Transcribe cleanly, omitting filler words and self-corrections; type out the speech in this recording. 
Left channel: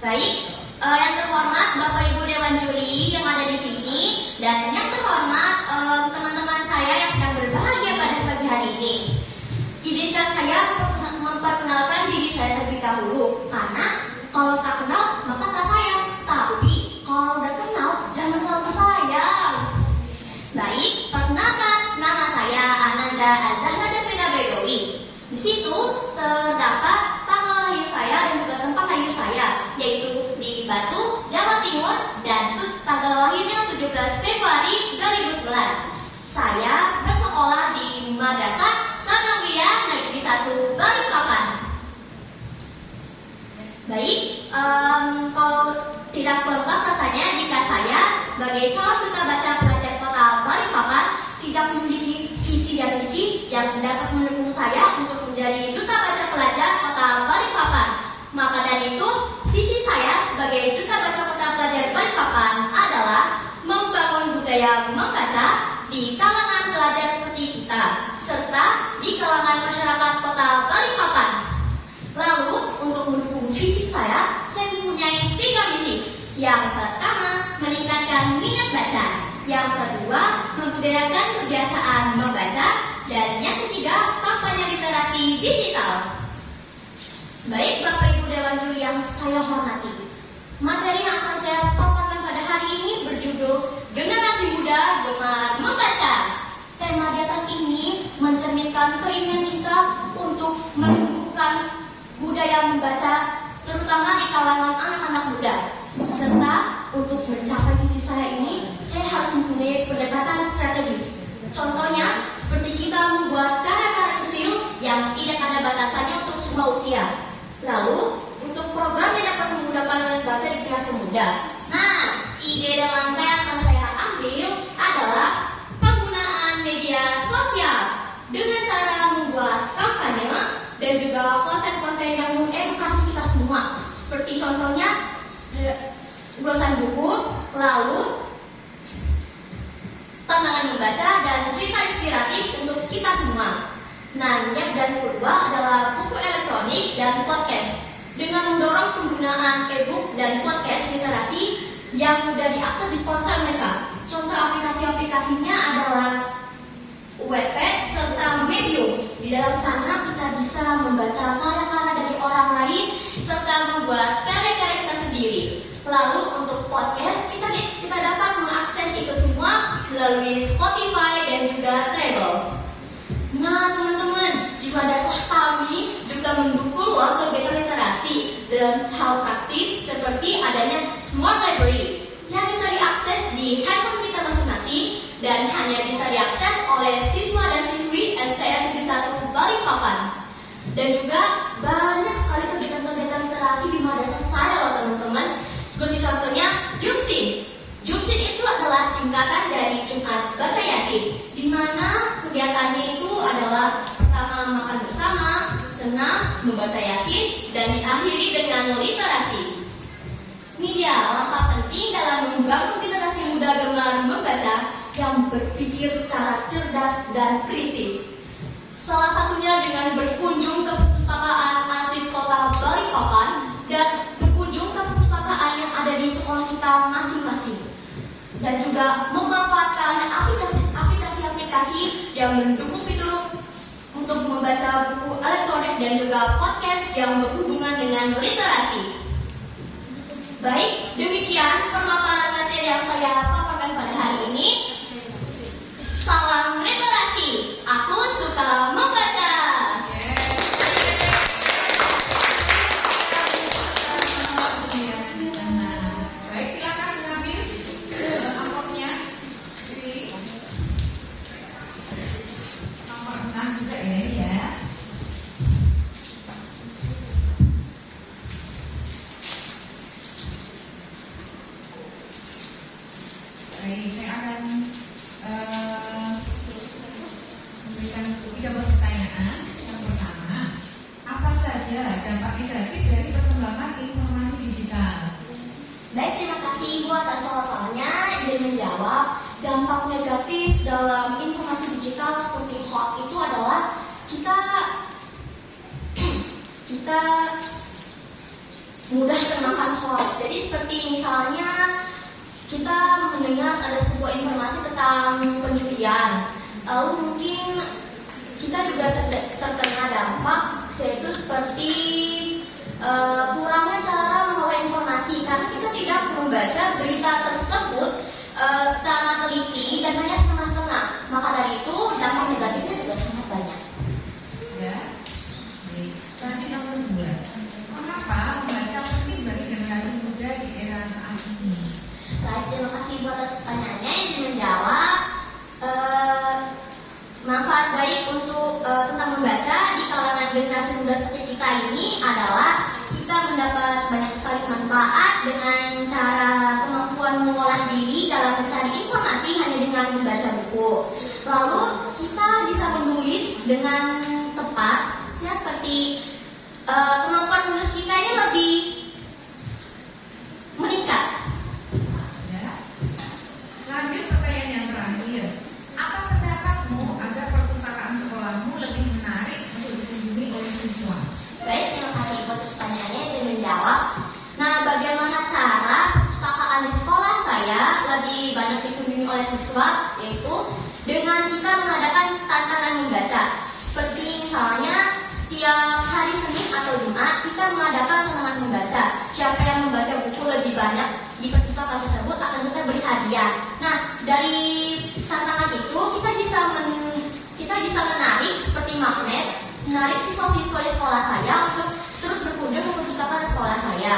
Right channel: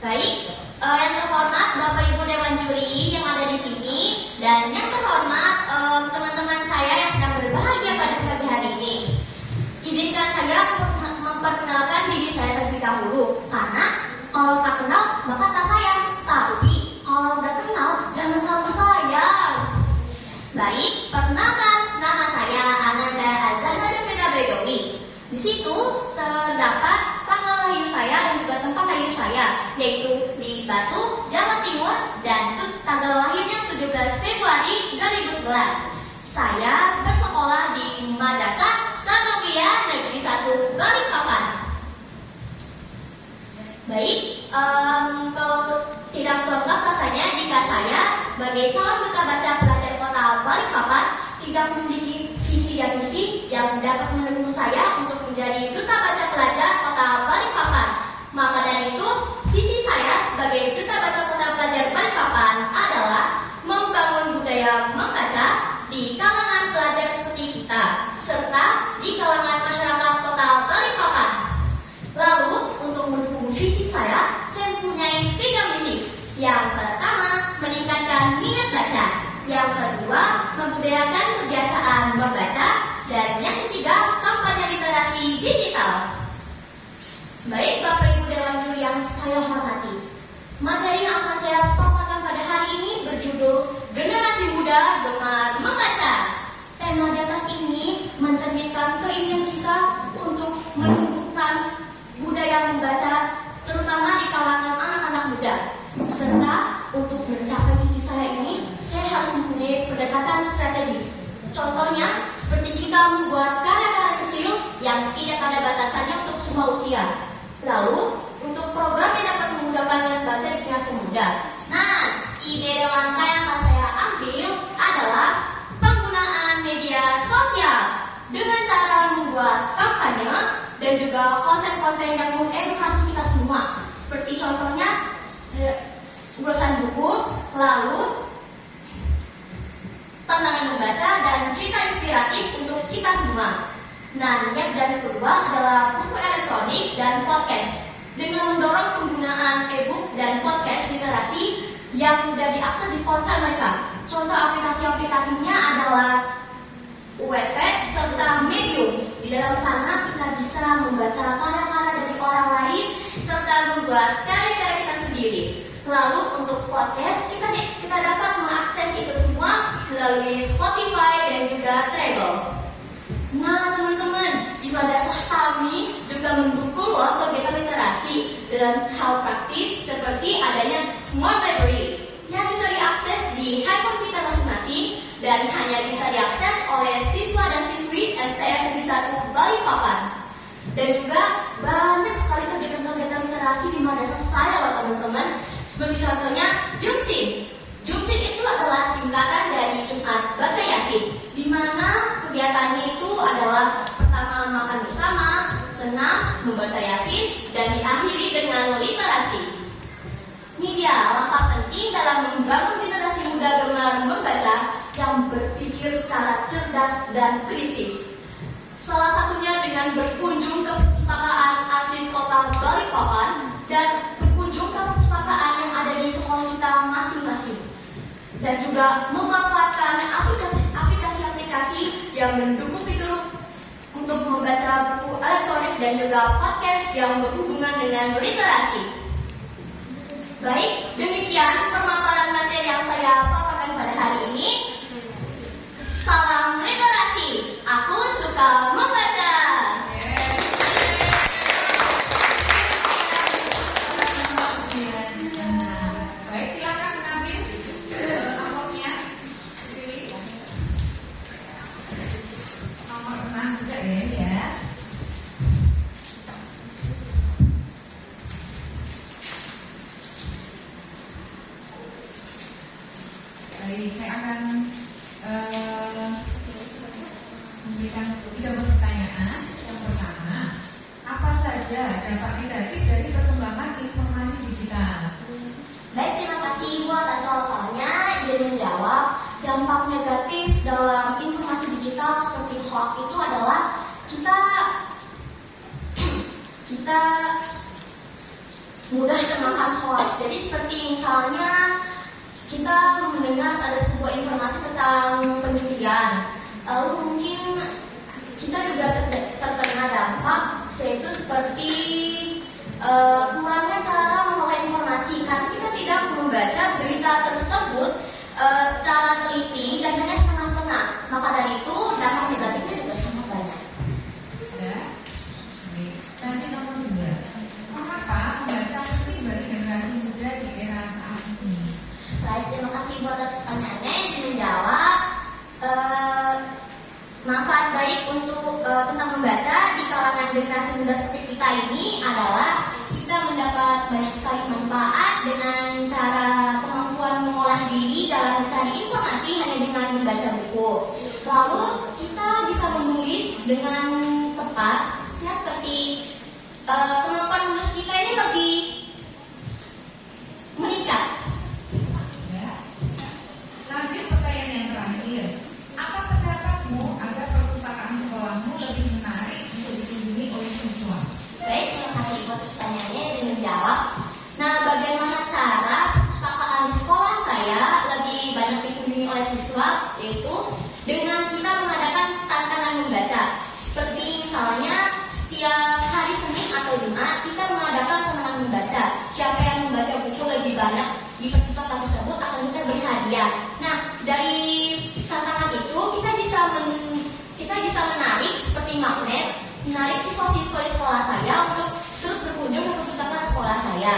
Baik, yang terhormat Bapak Ibu Dewan Juri yang ada di sini, dan yang terhormat teman-teman saya yang sedang berbahagia pada pagi hari ini. Izinkan saya memperkenalkan diri saya terlebih dahulu, karena kalau tak kenal maka tak sayang, tapi kalau udah kenal jangan lupa saya. Baik, perkenalkan, nama saya Ananda Azahra Devina Bedowi. Di situ terdapat tanggal lahir saya dan juga tempat lahir saya, yaitu di Batu, Jawa Timur, dan tanggal lahirnya 17 Februari 2011. Saya bersekolah di Madrasah Sanawiyah Negeri 1 Balikpapan. Baik, kalau tidak lengkap rasanya jika saya sebagai calon duta baca pelajar Kota Balikpapan tidak memiliki visi dan misi yang dapat mendukung saya untuk menjadi duta baca pelajar Kota Balikpapan. Maka dari itu, visi saya sebagai duta baca Kota Pelajar Balikpapan adalah membangun budaya membaca di kalangan pelajar seperti kita, serta di kalangan masyarakat Kota Balikpapan. Lalu, untuk mendukung visi saya mempunyai 3 misi. Yang pertama, meningkatkan minat baca. Yang kedua, membudayakan kebiasaan membaca. Dan yang ketiga, kampanye literasi digital. Baik, Bapak Ibu Dewan Juri yang saya hormati, materi yang akan saya paparkan pada hari ini berjudul Generasi Muda Gemar Membaca. Tema di atas ini mencerminkan keinginan kita untuk menumbuhkan budaya membaca, terutama di kalangan anak-anak muda. Serta untuk mencapai visi saya ini, saya harus mempunyai pendekatan strategis. Contohnya, seperti kita membuat karya-karya kecil yang tidak ada batasannya untuk semua usia. Lalu, untuk program yang dapat memudahkan minat baca di generasi muda. Nah, ide dan langkah yang akan saya ambil adalah penggunaan media sosial dengan cara membuat kampanye dan juga konten-konten yang mengedukasi kita semua. Seperti contohnya, ulasan buku, lalu tantangan membaca dan cerita inspiratif untuk kita semua. Nah, dan kedua adalah buku elektronik dan podcast dengan mendorong penggunaan e-book dan podcast literasi yang mudah diakses di ponsel mereka. Contoh aplikasi-aplikasinya adalah Wattpad serta Medium. Di dalam sana kita bisa membaca karya-karya dari orang lain serta membuat karya-karya kita sendiri. Lalu untuk podcast kita dapat mengakses itu semua melalui Spotify dan juga Treble. Nah, teman-teman, di madrasah kami juga mendukung kegiatan literasi dalam hal praktis seperti adanya Smart Library yang bisa diakses di handphone kita masing-masing dan hanya bisa diakses oleh siswa dan siswi MTS Negeri 1 Balikpapan. Dan juga banyak sekali kegiatan-kegiatan literasi di madrasah saya loh teman-teman. Seperti contohnya Jumsin. Jumsin itu adalah singkatan dari Jumat Baca Yasin, di mana kegiatannya itu adalah pertama makan bersama, senam, membaca Yasin, dan diakhiri dengan literasi. Ini dia langkah penting dalam membangun generasi muda gemar membaca yang berpikir secara cerdas dan kritis. Salah satunya dengan berkunjung ke perpustakaan arsip Kota Balikpapan dan berkunjung ke perpustakaan yang ada di sekolah kita masing-masing. Dan juga memanfaatkan aplikasi-aplikasi yang mendukung fitur untuk membaca buku elektronik dan juga podcast yang berhubungan dengan literasi. Baik, demikian pemaparan materi yang saya paparkan pada hari ini. Salam literasi, aku suka membaca. Saya akan memberikan 3 pertanyaan. Yang pertama, apa saja dampak negatif dari perkembangan informasi digital? Baik, terima kasih Ibu atas soal-soalnya. Izin menjawab, dampak negatif dalam informasi digital seperti hoax itu adalah kita mudah termakan hoax. Jadi seperti misalnya kita mendengar ada sebuah informasi tentang pencurian, lalu mungkin kita juga terkena dampak, yaitu seperti kurangnya cara mengolah informasi karena kita tidak membaca berita tersebut secara teliti dan hanya setengah-setengah. Maka dari itu dampak negatifnya juga sangat banyak. Ya, baik. Nanti nomor 2. Mengapa membaca penting bagi generasi muda di era saat ini? Baik, terima kasih buat atas pertanyaannya. Izin menjawab. Manfaat baik untuk tentang membaca di kalangan generasi muda seperti kita ini adalah kita mendapat banyak sekali manfaat dengan cara kemampuan mengolah diri dalam mencari informasi hanya dengan membaca buku. Lalu kita bisa menulis dengan tepat, maksudnya seperti kemampuan menulis kita ini lebih meningkat. Ya. Lanjut pertanyaan yang terakhir. Apa pendapatmu agar perpustakaan sekolahmu lebih menarik untuk dikunjungi oleh siswa? Baik, terima kasih buat pertanyaannya. Izin menjawab. Nah, bagaimana cara perpustakaan di sekolah saya lebih banyak dikunjungi oleh siswa? Yaitu dengan kita mengadakan tantangan membaca. Seperti misalnya setiap hari Senin atau Jumat kita mengadakan tantangan membaca. Siapa yang membaca buku lebih banyak di perpustakaan tersebut akan kita beri hadiah. Nah, dari tantangan itu kita bisa menarik seperti magnet, menarik siswa-siswa di sekolah saya untuk terus berkunjung ke perpustakaan sekolah saya.